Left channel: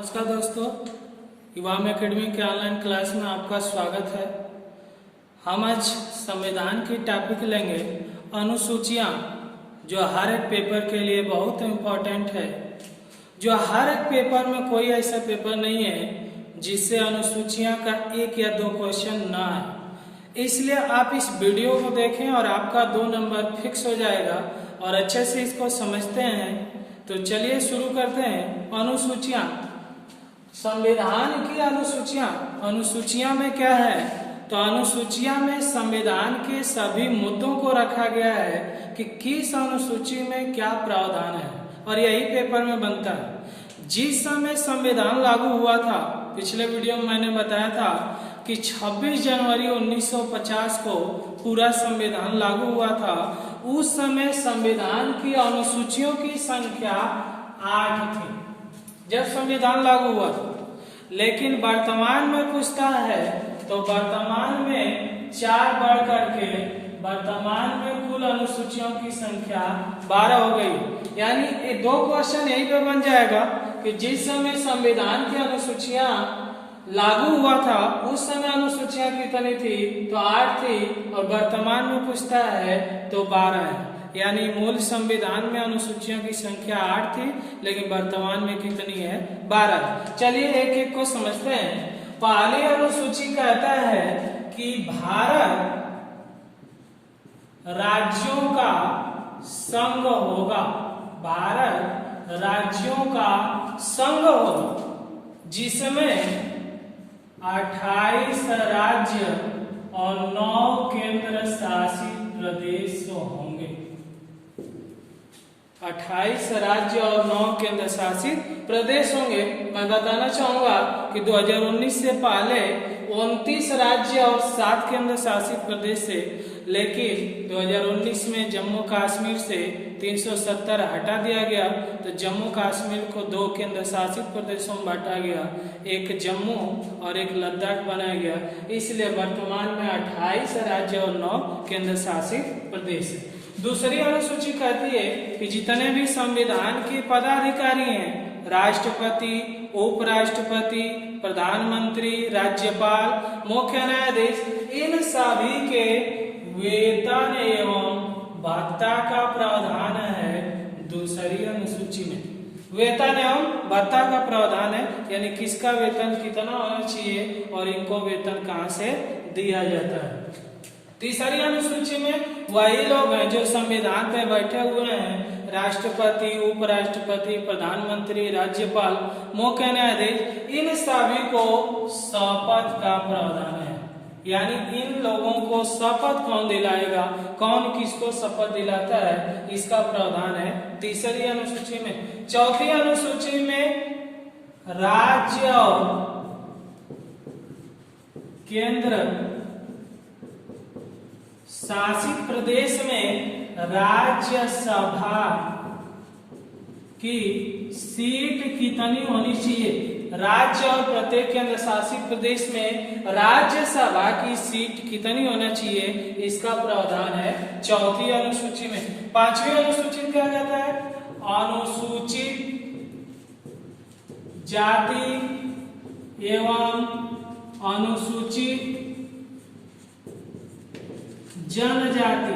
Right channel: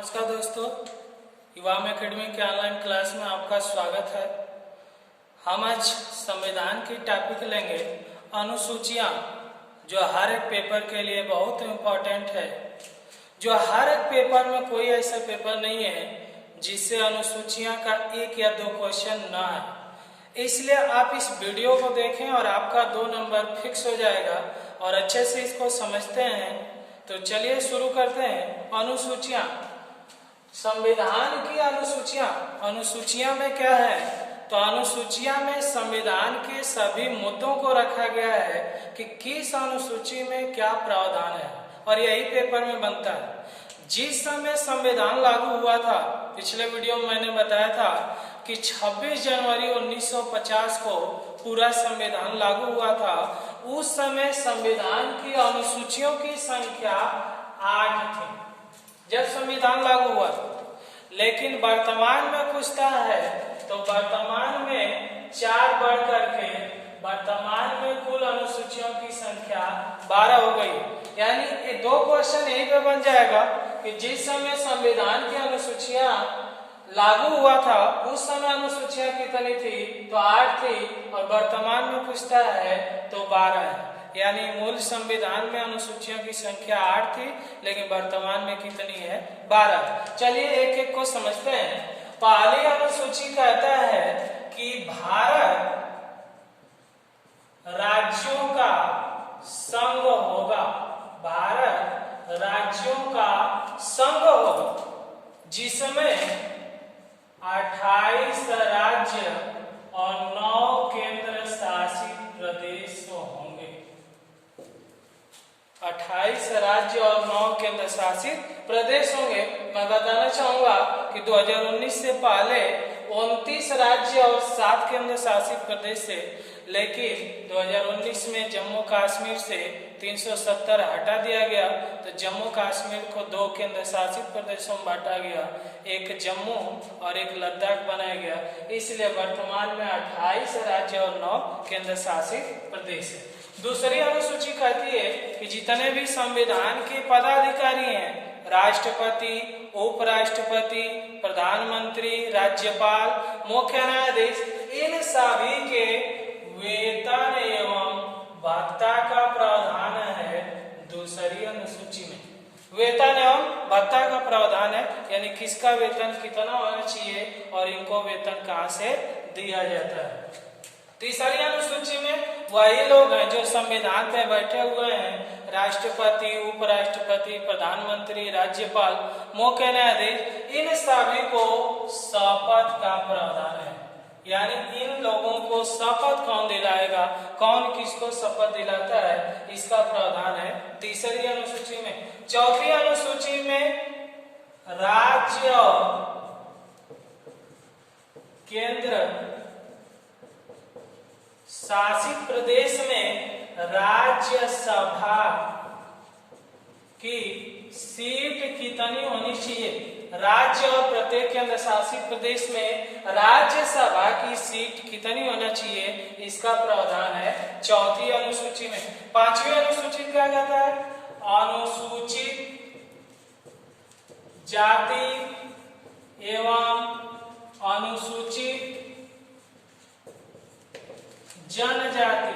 नमस्कार दोस्तों, युवाम एकेडमी के ऑनलाइन क्लास में आपका स्वागत है। हम आज संविधान की टॉपिक लेंगे अनुसूचियां, जो हर एक पेपर के लिए बहुत इम्पोर्टेंट है। जो हर एक पेपर में कोई ऐसा पेपर नहीं है जिससे अनुसूचियां का एक या दो क्वेश्चन ना आए। इसलिए आप इस वीडियो को देखें और आपका 2 नंबर फिक्स हो जाएगा और अच्छे से इसको समझते हैं। तो चलिए शुरू करते हैं। अनुसूचियां, संविधान की अनुसूचियां में क्या है? तो अनुसूचियां में संविधान के सभी मुद्दों को रखा गया है कि किस अनुसूची में क्या प्रावधान है, और यही पेपर में बनता है। जिस समय संविधान लागू हुआ था, पिछले वीडियो में मैंने बताया था कि 26 जनवरी 1950 को पूरा संविधान लागू हुआ था। उस समय संविधान की अनुसूचियों की संख्या 8 थी जब संविधान लागू हुआ। लेकिन वर्तमान में पूछता है तो वर्तमान में 4 बढ़ करके वर्तमान में कुल अनुसूचियों की संख्या 12 हो गई। यानी ये 2 क्वेश्चन यही पे बन जाएगा कि जिस समय संविधान की अनुसूचियां लागू हुआ था उस समय अनुसूचियां कितनी थी? तो 8 थी, और वर्तमान में पूछता है तो 12 है। यानी मूल संविधान में अनुसूचियों की संख्या 8 थी, लेकिन वर्तमान में कितनी है? 12। चलिए एक एक को समझते हैं। पहली अनुसूची कहता है कि भारत राज्यों का संघ होगा। भारत राज्यों का संघ होगा जिसमें 28 राज्य और 9 केंद्र शासित प्रदेश होंगे। 28 राज्य और 9 केंद्र शासित प्रदेश होंगे। मैं बताना चाहूंगा कि 2019 से पहले 29 राज्य और 7 केंद्र शासित प्रदेश थे, लेकिन 2019 में जम्मू कश्मीर से 370 हटा दिया गया, तो जम्मू कश्मीर को 2 केंद्र शासित प्रदेशों में बांटा गया, एक जम्मू और एक लद्दाख बनाया गया। इसलिए वर्तमान में 28 राज्य और 9 केंद्र शासित प्रदेश है। दूसरी अनुसूची कहती है कि जितने भी संविधान के पदाधिकारी हैं, राष्ट्रपति, उपराष्ट्रपति, प्रधानमंत्री, राज्यपाल, मुख्य न्यायाधीश, इन सभी के वेतन एवं भत्ता का प्रावधान है दूसरी अनुसूची में। वेतन एवं भत्ता का प्रावधान है, यानी किसका वेतन कितना होना चाहिए और इनको वेतन कहाँ से दिया जाता है। तीसरी अनुसूची में वही लोग हैं जो संविधान पे बैठे हुए हैं, राष्ट्रपति, उपराष्ट्रपति, प्रधानमंत्री, राज्यपाल, मुख्य न्यायाधीश, इन सभी को शपथ का प्रावधान है। यानी इन लोगों को शपथ कौन दिलाएगा, कौन किसको शपथ दिलाता है, इसका प्रावधान है तीसरी अनुसूची में। चौथी अनुसूची में राज्य और केंद्र शासित प्रदेश में राज्यसभा की सीट कितनी होनी चाहिए। राज्य और प्रत्येक केंद्र शासित प्रदेश में राज्यसभा की सीट कितनी होना चाहिए, इसका प्रावधान है चौथी अनुसूची में। पांचवी अनुसूची क्या कहता है? अनुसूचित जाति एवं अनुसूचित जनजाति।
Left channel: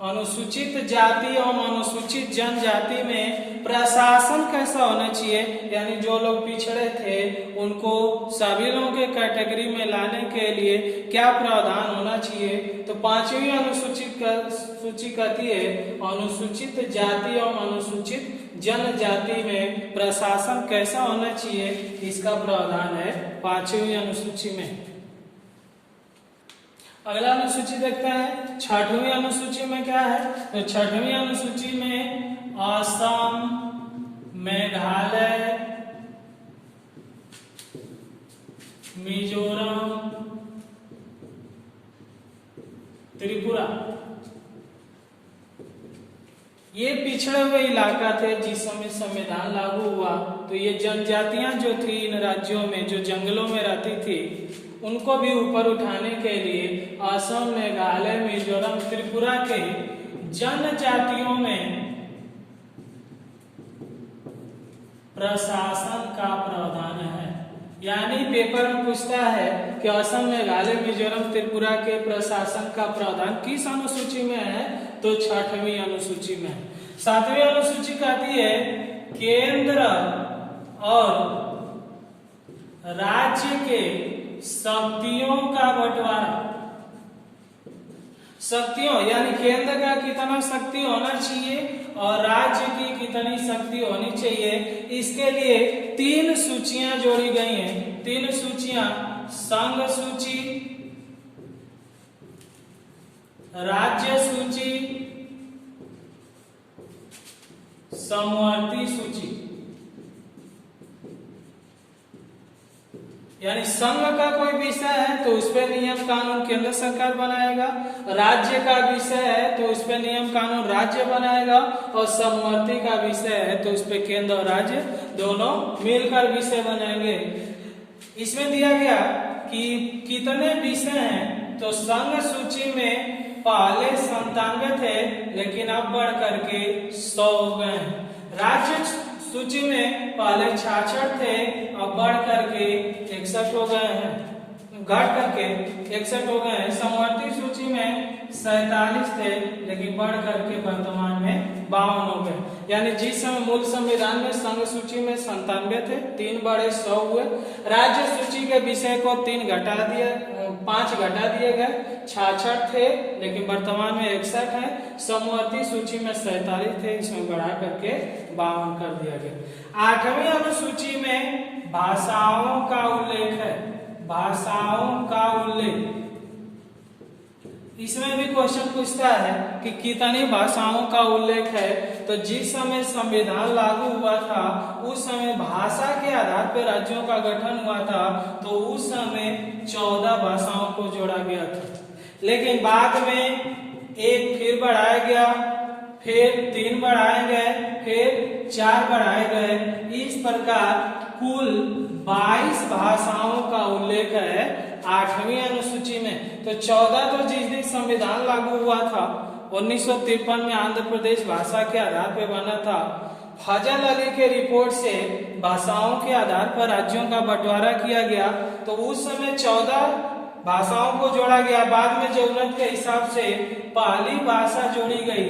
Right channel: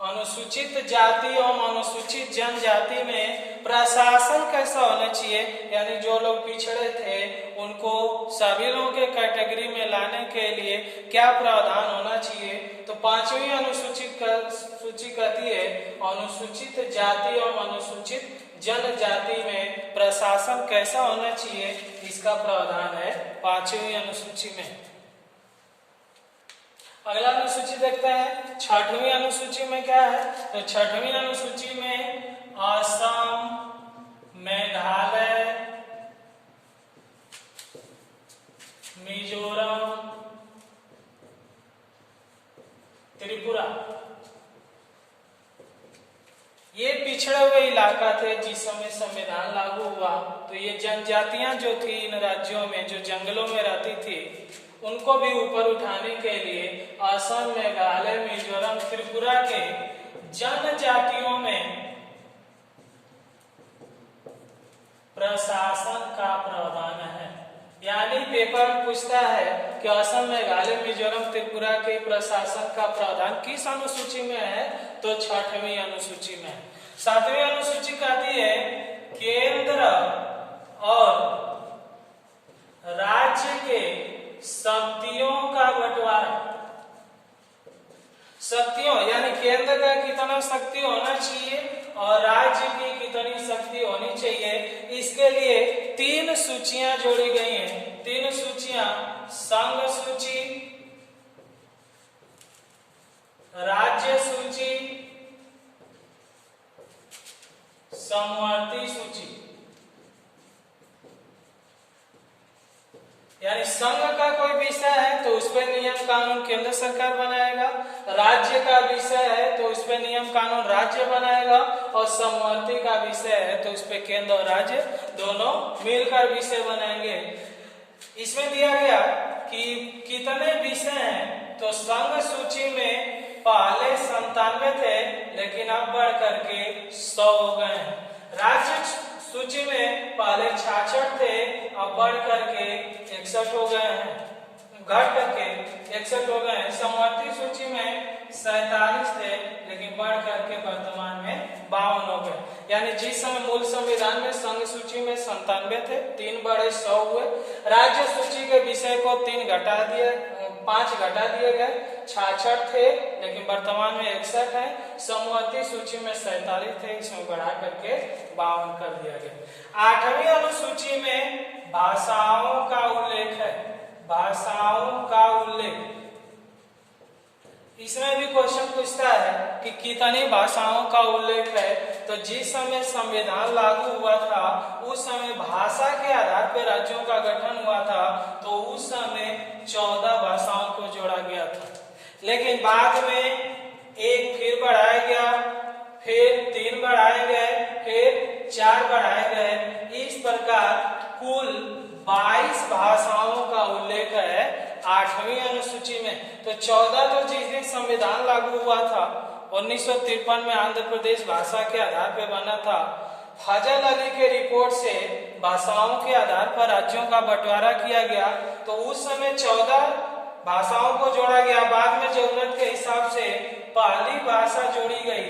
अनुसूचित जाति एवं अनुसूचित जनजाति में प्रशासन कैसा होना चाहिए, यानी जो लोग पिछड़े थे उनको सभी लोगों के कैटेगरी में लाने के लिए क्या प्रावधान होना चाहिए। तो पांचवी अनुसूची कहती है अनुसूचित जाति एवं अनुसूचित जनजाति में प्रशासन कैसा होना चाहिए, इसका प्रावधान है पांचवी अनुसूची में। अगला अनुसूची देखते हैं। छठवीं अनुसूची में क्या है? तो छठवीं अनुसूची में असम, मेघालय, मिजोरम, त्रिपुरा, ये पिछड़े हुए इलाका थे जिस समय संविधान लागू हुआ। तो ये जनजातियां जो थी इन राज्यों में, जो जंगलों में रहती थी, उनको भी ऊपर उठाने के लिए असम, मेघालय, मिजोरम, त्रिपुरा के जनजातियों में प्रशासन का प्रावधान है। यानी पेपर पूछता है कि असम, मेघालय, मिजोरम, त्रिपुरा के प्रशासन का प्रावधान किस अनुसूची में है, तो 6वीं अनुसूची में है। 7वीं अनुसूची कहती है केंद्र और राज्य के शक्तियों का बंटवारा। शक्तियों यानी केंद्र का कितना शक्ति होना चाहिए और राज्य की कितनी शक्ति होनी चाहिए, इसके लिए 3 सूचियां जोड़ी गई हैं। 3 सूचियां, संघ सूची, राज्य सूची, समवर्ती सूची। यानी संघ का कोई विषय है तो उस पर नियम कानून केंद्र सरकार बनाएगा, राज्य का विषय है तो उस पर नियम कानून राज्य बनाएगा, और समवर्ती का विषय है तो उस पर केंद्र और राज्य दोनों मिलकर विषय बनाएंगे। इसमें दिया गया कि कितने विषय हैं, तो संघ सूची में पहले 97 थे लेकिन अब बढ़ करके 100 हो गए हैं। राज्य सूची में पहले 66 थे, अब बढ़ करके 61 हो गए हैं, घट करके 61 हो गए हैं। समवर्ती सूची में 47 थे लेकिन बढ़ करके वर्तमान में 52 हो गए। यानी जिस समय मूल संविधान में संघ सूची में 97 थे, 3 बढ़े 100 हुए। राज्य सूची के विषय को 5 घटा दिए गए, 66 थे लेकिन वर्तमान में 61 है। समवर्ती सूची में 47 थे, इसमें बढ़ा करके 52 कर दिया गया। 8वीं अनुसूची में भाषाओं का उल्लेख है। भाषाओं का उल्लेख, इसमें भी क्वेश्चन पूछता है कि कितनी भाषाओं का उल्लेख है, तो जिस समय संविधान लागू हुआ था उस समय भाषा के आधार पर राज्यों का गठन हुआ था, तो उस समय 14 भाषाओं को जोड़ा गया था। लेकिन बाद में 1 फिर बढ़ाया गया, फिर 3 बढ़ाए गए, फिर 4 बढ़ाए गए। इस प्रकार कुल 22 भाषाओं का उल्लेख है 8वीं अनुसूची में। तो 14 तो जिस दिन संविधान लागू हुआ था 1953 में आंध्र प्रदेश भाषा के आधार पर बना था। फजल अली के रिपोर्ट से भाषाओं के आधार पर राज्यों का बंटवारा किया गया, तो उस समय 14 भाषाओं को जोड़ा गया। बाद में जरूरत के हिसाब से पहली भाषा जोड़ी गई।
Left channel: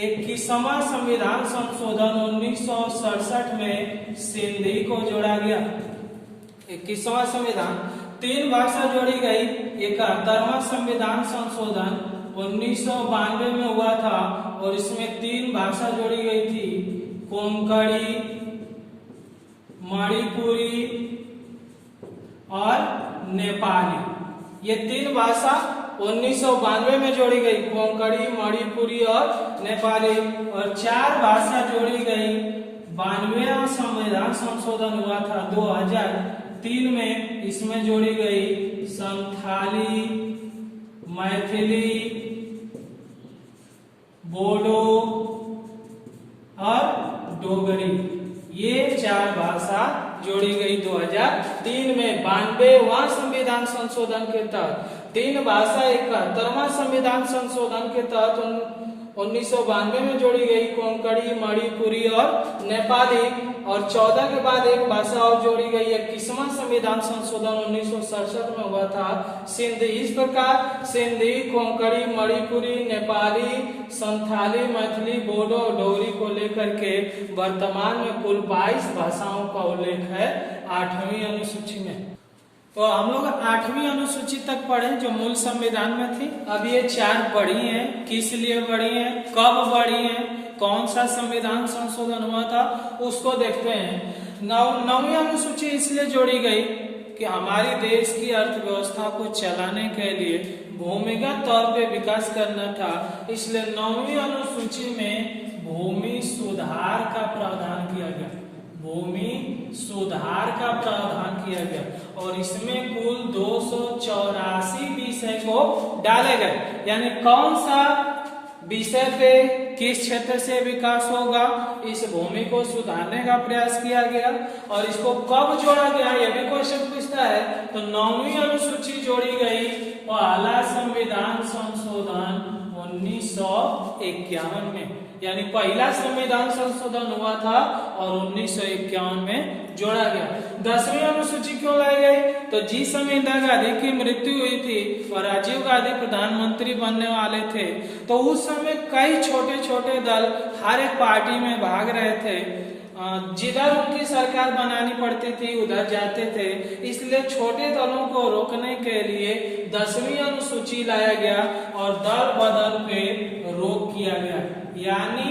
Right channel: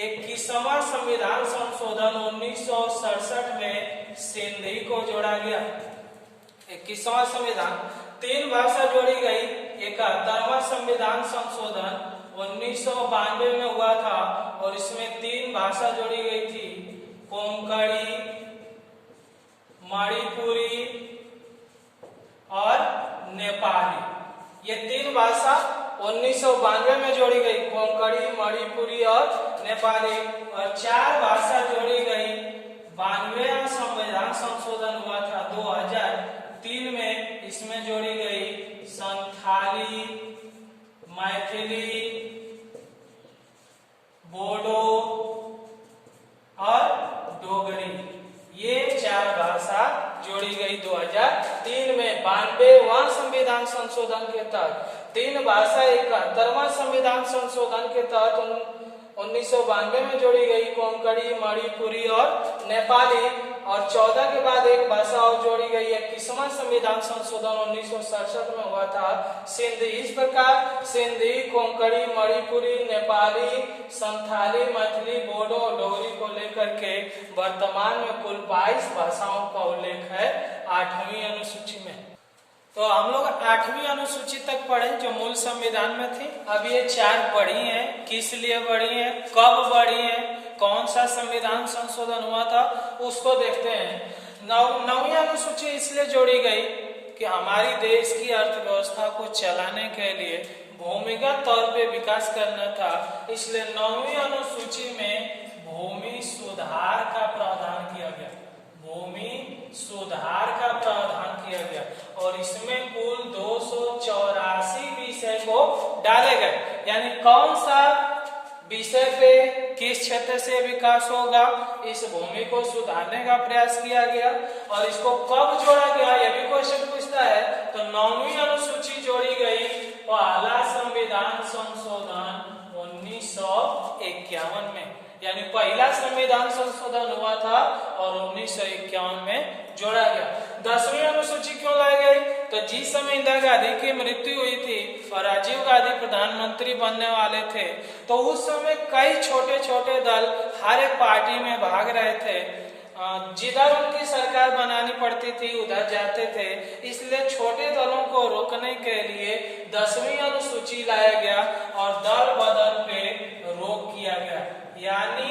21वां संविधान संशोधन 1967 में सिंधी को जोड़ा गया। 21वां संविधान 3 भाषा जोड़ी गई। 71वां संविधान संशोधन 1992 में हुआ था और इसमें 3 भाषा जोड़ी गई थी, कोंकणी, मणिपुरी और नेपाली। ये 3 भाषा 1992 में जोड़ी गई, कोंकणी, मणिपुरी और नेपाली। और 4 भाषा जोड़ी गई 92वां संविधान संशोधन हुआ था 2003 में, इसमें जोड़ी गई संथाली, मैथिली, बोडो और डोगरी। ये 4 भाषा जोड़ी गई 2003 में। 92वां संविधान संशोधन के तहत 3 भाषा 71वां संविधान संशोधन के तहत 1992 में जोड़ी गई, कोंकणी, मणिपुरी और नेपाली। और 14 के बाद 1 भाषा और जोड़ी गई, 21वां संविधान संशोधन 1967 में हुआ था, सिंधी। इस प्रकार सिंधी, कोंकणी, मणिपुरी, नेपाली, संथाली, मैथिली, बोडो और डोगरी को लेकर के वर्तमान में कुल 22 भाषाओं का उल्लेख है 8वीं अनुसूची में। तो हम लोग 8वीं अनुसूची तक पढ़े जो मूल संविधान में थी। अब ये 4 बढ़ी हैं, किस लिए बढ़ी हैं, कब बढ़ी हैं, कौन सा संविधान संशोधन हुआ था, उसको देखते हैं। 9वीं अनुसूची इसलिए जोड़ी गई कि हमारी देश की अर्थव्यवस्था को चलाने के लिए भूमिगत तौर पे विकास करना था, इसलिए 9वीं अनुसूची में भूमि सुधार का प्रावधान किया गया। भूमि सुधार का प्रावधान किया गया और इसमें कुल 284 विषय को डाले गए। यानी कौन सा विषय पे किस क्षेत्र से विकास होगा, इस भूमि को सुधारने का प्रयास किया गया। और इसको कब जोड़ा गया, यह भी क्वेश्चन पूछता है। तो 9वीं अनुसूची जोड़ी गई पहला संविधान संशोधन 1951 में। यानी पहला संविधान संशोधन हुआ था और 1951 में जोड़ा गया। 10वीं अनुसूची क्यों लाई गई? तो जिस समय इंदिरा गांधी की मृत्यु हुई थी और राजीव गांधी प्रधानमंत्री बनने वाले थे, तो उस समय कई छोटे छोटे दल हर एक पार्टी में भाग रहे थे। जिधर उनकी सरकार बनानी पड़ती थी उधर जाते थे, इसलिए छोटे दलों को रोकने के लिए 10वीं अनुसूची लाया गया और दल बदल पे रोक किया गया, यानी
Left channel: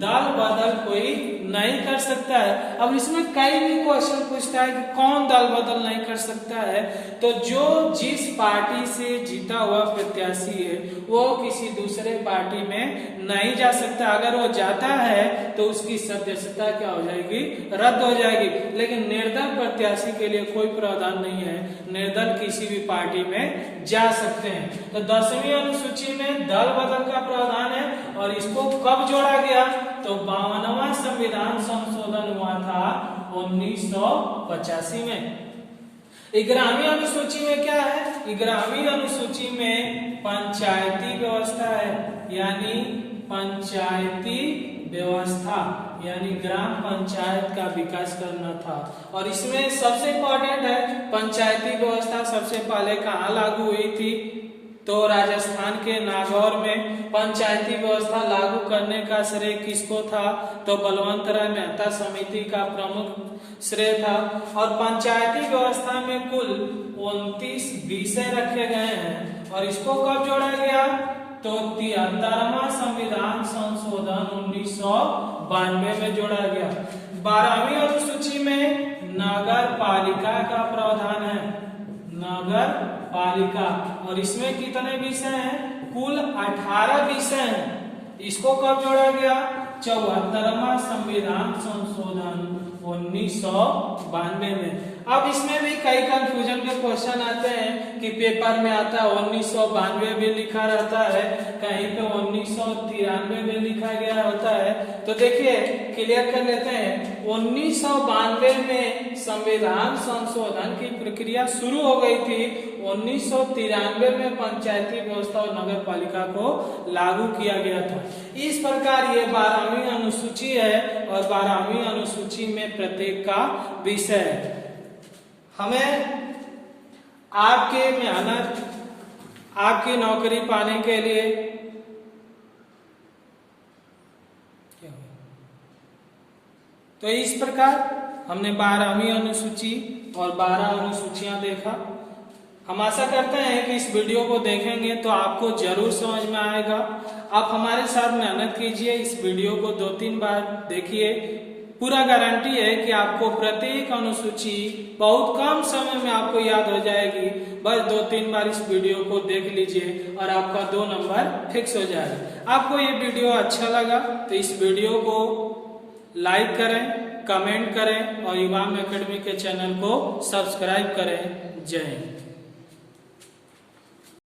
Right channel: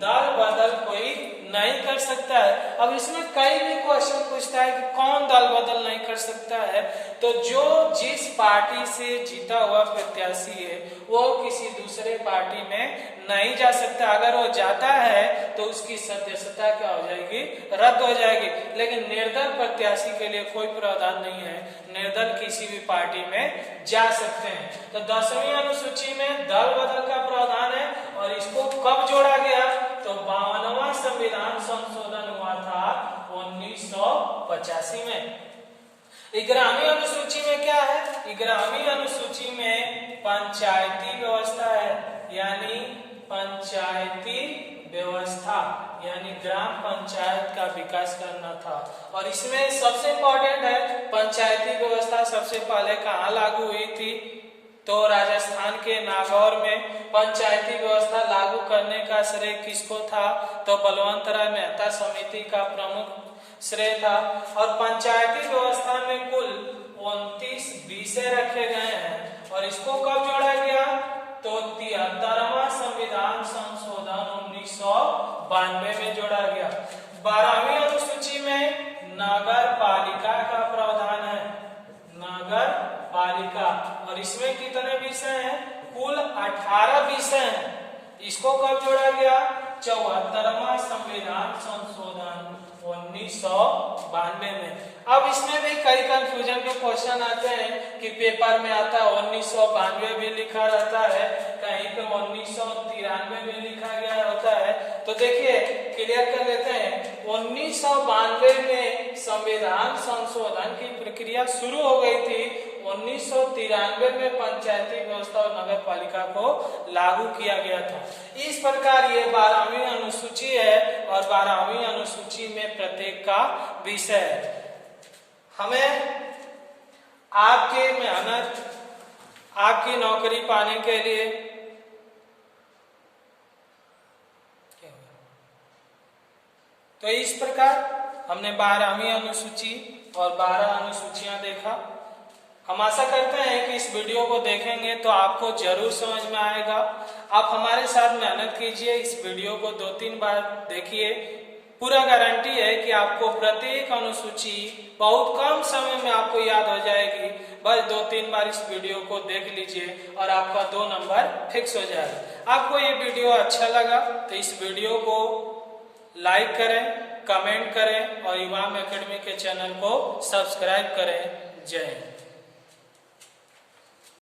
दल बदल कोई नहीं कर सकता है। अब इसमें कई भी क्वेश्चन पूछता है कि कौन दल बदल नहीं कर सकता है, तो जो जिस पार्टी से जीता हुआ प्रत्याशी है वो किसी दूसरे पार्टी में नहीं जा सकता। अगर वो जाता है तो उसकी सदस्यता क्या हो जाएगी? रद्द हो जाएगी। लेकिन निर्दल प्रत्याशी के लिए कोई प्रावधान नहीं है, निर्दल किसी भी पार्टी में जा सकते हैं। तो 10वीं अनुसूची में दल बदल का प्रावधान है और इसको कब जोड़ा गया? तो 52वां संविधान संशोधन हुआ था 1985 में। 11वीं अनुसूची में क्या है? 11वीं अनुसूची में पंचायती व्यवस्था है, यानी पंचायती व्यवस्था यानी ग्राम पंचायत का विकास करना था। और इसमें सबसे इम्पोर्टेंट है पंचायती व्यवस्था सबसे पहले कहाँ लागू हुई थी? तो राजस्थान के नागौर में पंचायती व्यवस्था लागू करने का श्रेय किसको था? तो बलवंत राय मेहता समिति का प्रमुख श्रेय था। और पंचायती व्यवस्था में कुल 29 विषय रखे गए हैं और इसको कब जोड़ा गया? तो 73वां संविधान संशोधन 1992 में जोड़ा गया। 12वीं अनुसूची में नगर पालिका का प्रावधान है, नगर पालिका, और इसमें कितने विषय हैं? कुल 18 विषय हैं। इसको कब जोड़ा गया? 74वां संविधान संशोधन 1992 में। अब इसमें भी कई कंफ्यूजन के क्वेश्चन आते हैं कि पेपर में आता है 1992 भी लिखा रहता है, कहीं पे 1993 में लिखा गया होता है। तो देखिए क्लियर कर लेते हैं। 1992 में संविधान संशोधन की प्रक्रिया शुरू हो गई थी। 1993 में पंचायती व्यवस्था और नगर पालिका को लागू किया गया था। इस प्रकार ये 12वीं अनुसूची है और 12वीं अनुसूची में प्रत्येक का विषय है। हमें आपके मेहनत, आपकी नौकरी पाने के लिए तो इस प्रकार हमने 12वीं अनुसूची और 12 अनुसूचियां देखा। हम आशा करते हैं कि इस वीडियो को देखेंगे तो आपको जरूर समझ में आएगा। आप हमारे साथ मेहनत कीजिए, इस वीडियो को 2-3 बार देखिए। पूरा गारंटी है कि आपको प्रत्येक अनुसूची बहुत कम समय में आपको याद हो जाएगी। बस 2-3 बार इस वीडियो को देख लीजिए और आपका 2 नंबर फिक्स हो जाएगा। आपको ये वीडियो अच्छा लगा तो इस वीडियो को लाइक करें, कमेंट करें और इमाम एकेडमी के चैनल को सब्सक्राइब करें। जय हिंद।